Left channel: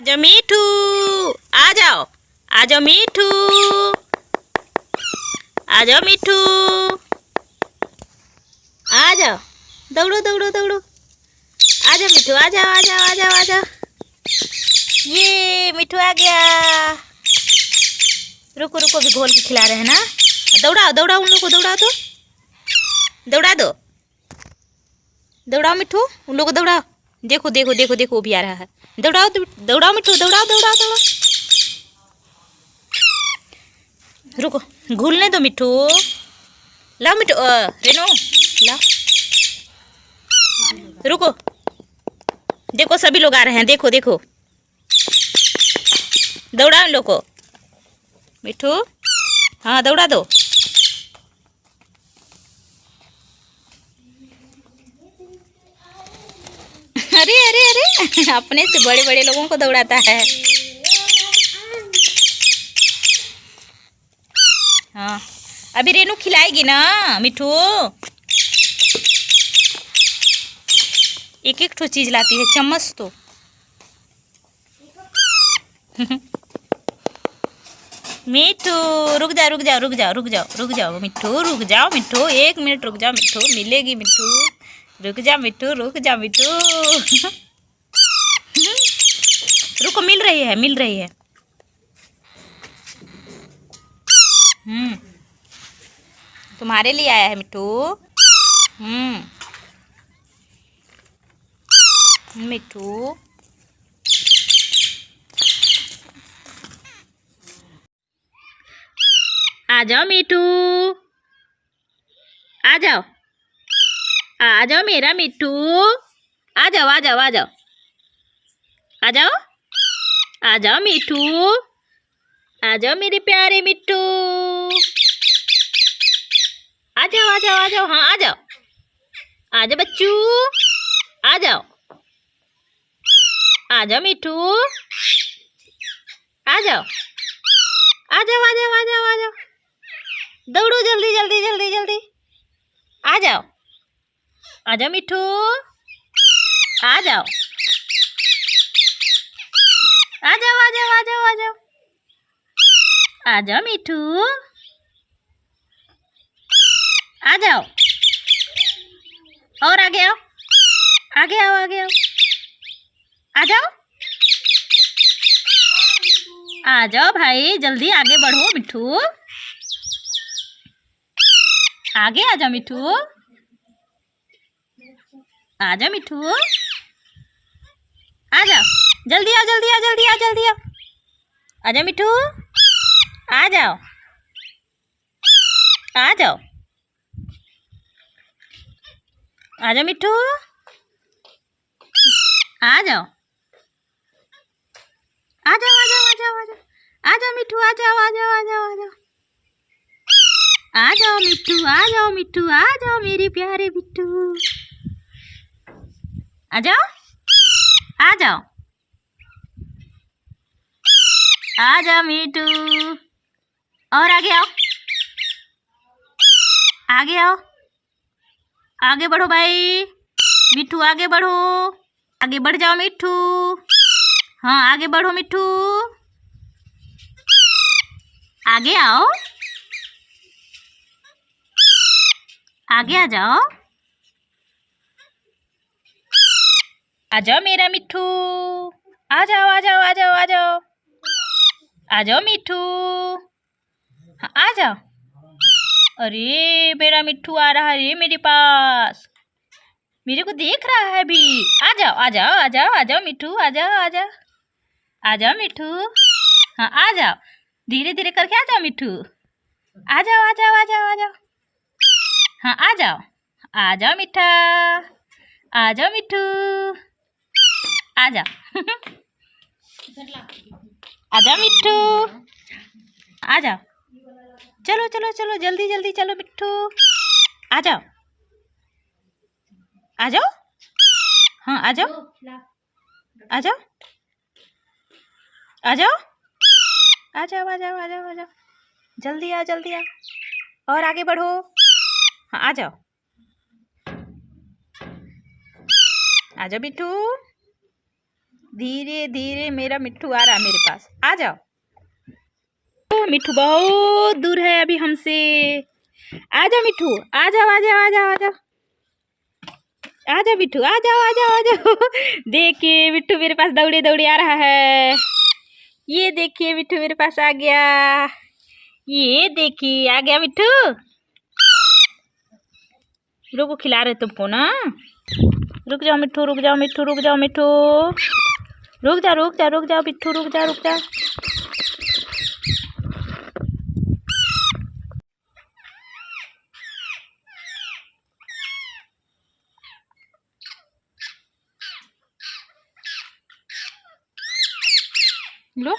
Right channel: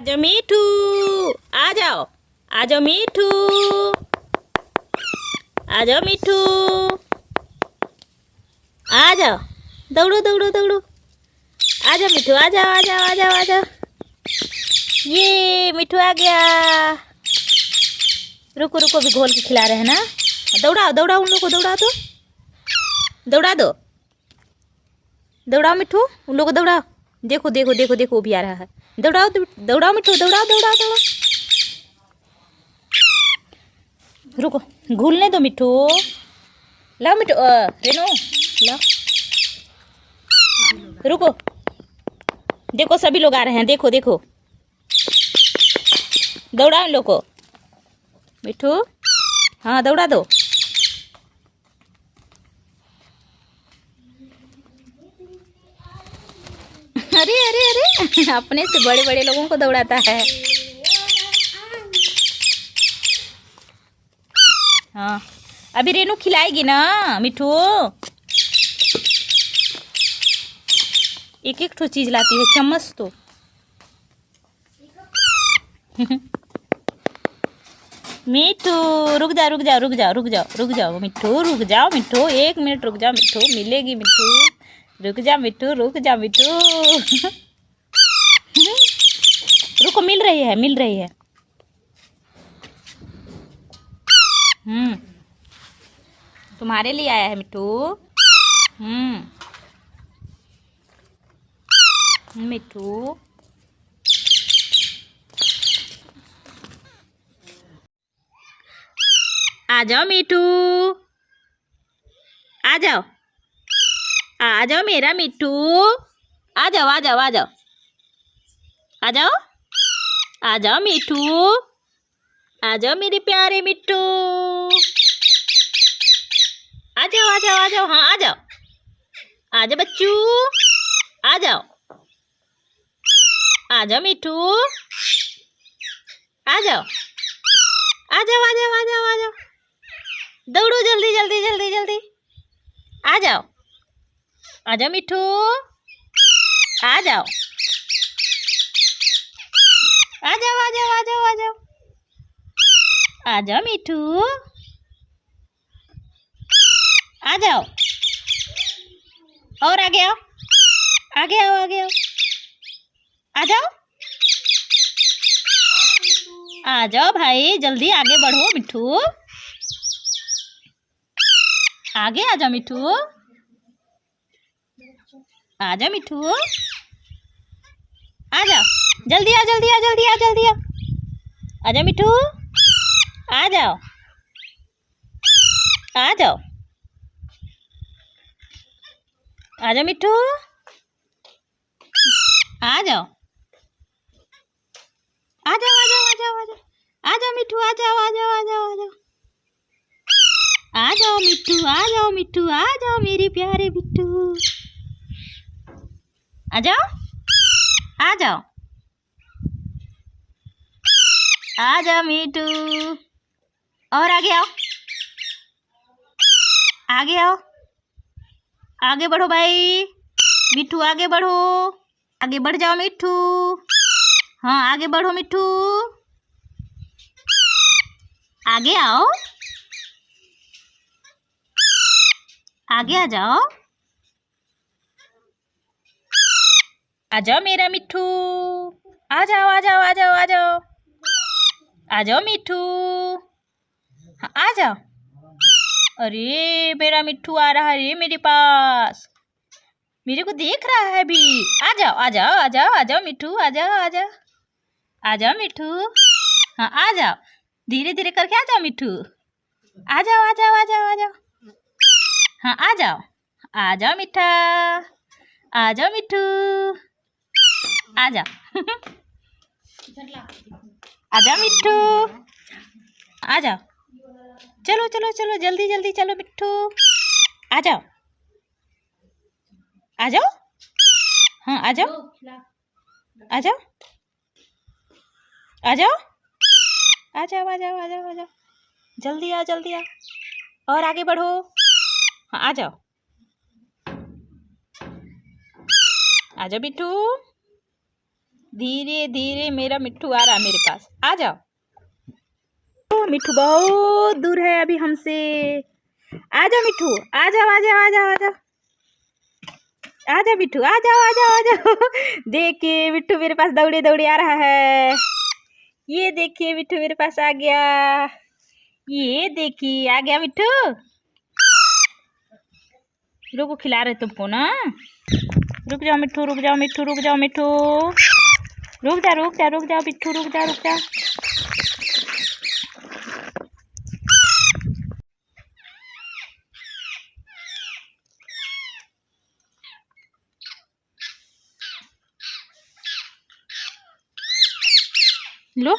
आजो मीठू, आ जाओ। आजो मीठू, आ जाओ मीठू, आ जाओ। दौड़ो दौड़ो दौड़ो। आ जाओ मीठू, आ जाओ आ जाओ आ जाओ आ जाओ। ये मीठू आ गया। रुको रुको, भी घोल के खिला रहे हैं ना। दौड़ाओ दौड़ाओ, उन लोग को दौड़ा दो, दौड़ा दो, दौड़ाओ मिठू, उन लोग को दौड़ाओ। देखो देखो देखो देखो, वो भी आ रहा है। दौड़ाओ दौड़ाओ मिठू, दौड़ाओ दौड़ाओ दौड़ाओ। रुको, घुलने दो मिठू। लाओ मिठू, रेनो लाओ। रुको, देखो सभी लोग आ रहे हैं, देखो देखो। दौड़ाओ इन लोग को मिठू। हाँ दौड़ा दो। अरे अरे अरे, अपने से बड़े बड़े लोगों को दौड़ाता है। हाँ, अभी रेनू खिलाएगी ना मिठू। एक एक ठो चीज लाती है, चम्मच तो। मिठू रुक जाओ रुक जाओ रुक जाओ रुक जाओ रुक जाओ मिठू, रुक जाओ मिठू, 1 मिनट रुक जाओ मिठू, मिलेगी मिठू। रुक जा मिठू, रुक जा मिठू। रुको, मिल रही है मिल रही है। तुम्हारे लिए आया है मिठू। मिठू, आ जाओ मिठू, आ जाओ, आ जाओ मेरा मिठू। आ जाओ आ जाओ आ जाओ, आ जाओ, आ जाओ मिठू, आ जाओ मेरे प्यारे मिठू। आ जाओ आ जाओ आ जाओ, हाँ आ जाओ, आ जाओ बच्चू, आ जाओ, आ जाओ मिठू, आ जाओ, आ जाओ आ जाओ आ जाओ आ जाओ। दौड़ो जल्दी जल्दी जल्दी जल्दी। आ जाओ, आ जाओ मिठू, आ जाओ, आ जाओ आ जाओ आ जाओ आ जाओ, आ जाओ मिठू, आ जाओ। और आगे आओ, आगे आओ आगे आओ, आ जाओ, आ जाओ भाई, जल्दी आगे बढ़ो मिठू। आगे आ जाओ मिठू, आ जाओ मिठू, आ जाओ, जल्दी आओ जल्दी आओ जल्दी आओ जल्दी आओ। आ जाओ मिठू, आ जाओ, आ जाओ, आ जाओ मिठू, आ जाओ, आ जाओ आ जाओ आ जाओ आ जाओ, आ जाओ मिठू, आ जाओ आ जाओ आ जाओ आ जाओ, आ जाओ मिठू, आ जाओ मिठू, आ जाओ मेरे प्यारे मिठू। आ जाओ, आ जाओ, आ जाओ मिठू। और आगे आओ, आगे आओ, आगे बढ़ो भाई मिठू, आगे बढ़ो, आगे बढ़ जाओ मिठू। हाँ आगे बढ़ो मिठू, आगे आओ, आगे आ जाओ, आ जाओ मेरा मिठू, आ जाओ आ जाओ आ जाओ आ जाओ, आ जाओ मिठू। हाँ आ जाओ। अरे मेरा मिठू आ रहा है मेरे पास, मेरे को देख रहा है भी। आ जाओ आ जाओ आ जाओ आ जाओ मिठू, आ जाओ आ जाओ, आ जाओ मिठू। हाँ आ जाओ, धीरे धीरे करके आ जाओ मिठू। आ जाओ आ जाओ आ जाओ आ जाओ। हाँ आ जाओ, आ जाओ मिठा, आ जाओ मिठू, आ जाओ। आ जाओ मिठू, आ जाओ, चलो चलो चलो जल्दी जल्दी चलो मिठू। आ जाओ, आ जाओ, हाँ आ जाओ, आ जाओ, आ जाओ, आ जाओ आ जाओ आ जाओ आ जाओ, जल्दी आ जल्दी आ। और आगे बढ़ो। हाँ आ जाओ, आ जाओ बिट्टू, धीरे धीरे मेरा मिट्ठू आ रहा है मेरे पास। आ जाओ। ओ मिट्ठू बहुत दूर है अभी हमसे। आ जाओ मिट्ठू, आ जाओ आ जाओ आ जाओ आ जाओ आ जाओ मिट्ठू, आ जाओ आ जाओ आ जाओ। देखिए मिट्ठू मेरे पास दौड़े दौड़े आ रहा है। ये देखिए मिट्ठू मेरे पास आ गया। ये देखिए आ गया मिट्ठू। रुको, खिला रहे तुमको ना। रुक जाओ मिट्ठू, रुक जाओ मिट्ठू, रुक जाओ मिट्ठू, रुक जा रुक जा रुक जाओ मिट्ठू, रुक जा रुक जा। लो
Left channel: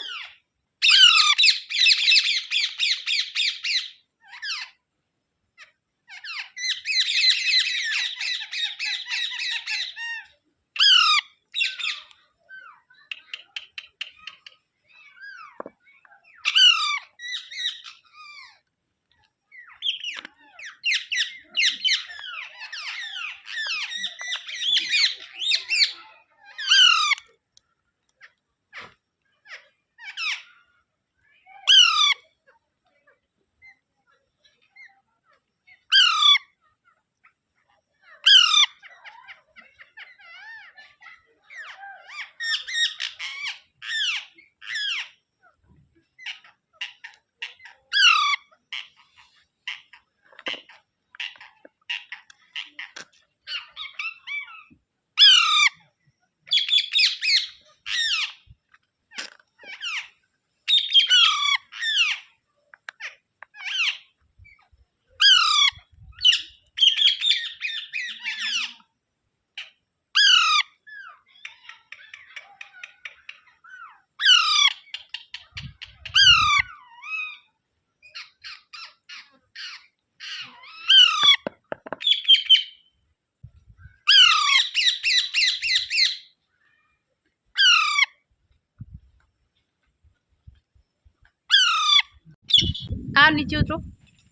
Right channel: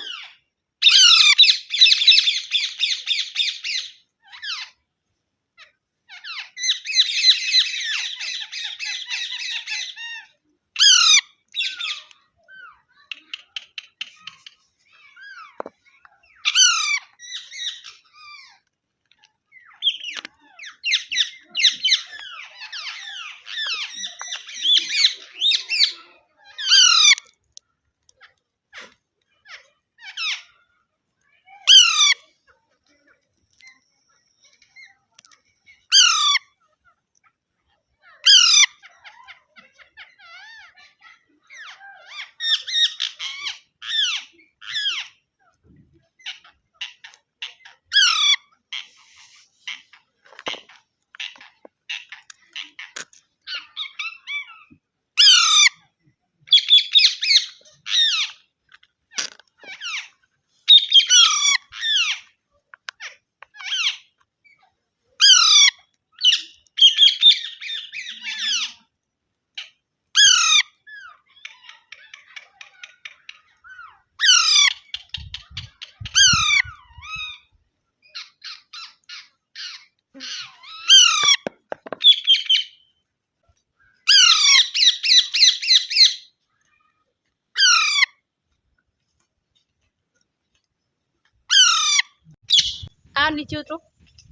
आओ नीचे उतरो,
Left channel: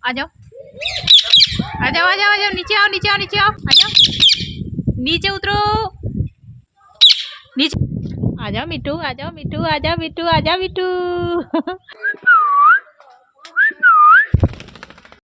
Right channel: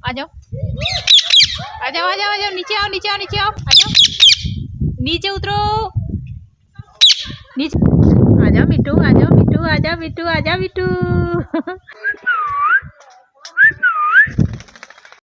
आ जाओ आ जाओ आ जाओ आ जाओ, नीचे आओ नीचे आओ नीचे आओ, आ जाओ नीचे उतरो, नीचे आ जाओ मिट्टू, आ जाओ मिट्टू, आ जाओ मिट्टू, आ जाओ मिट्टू।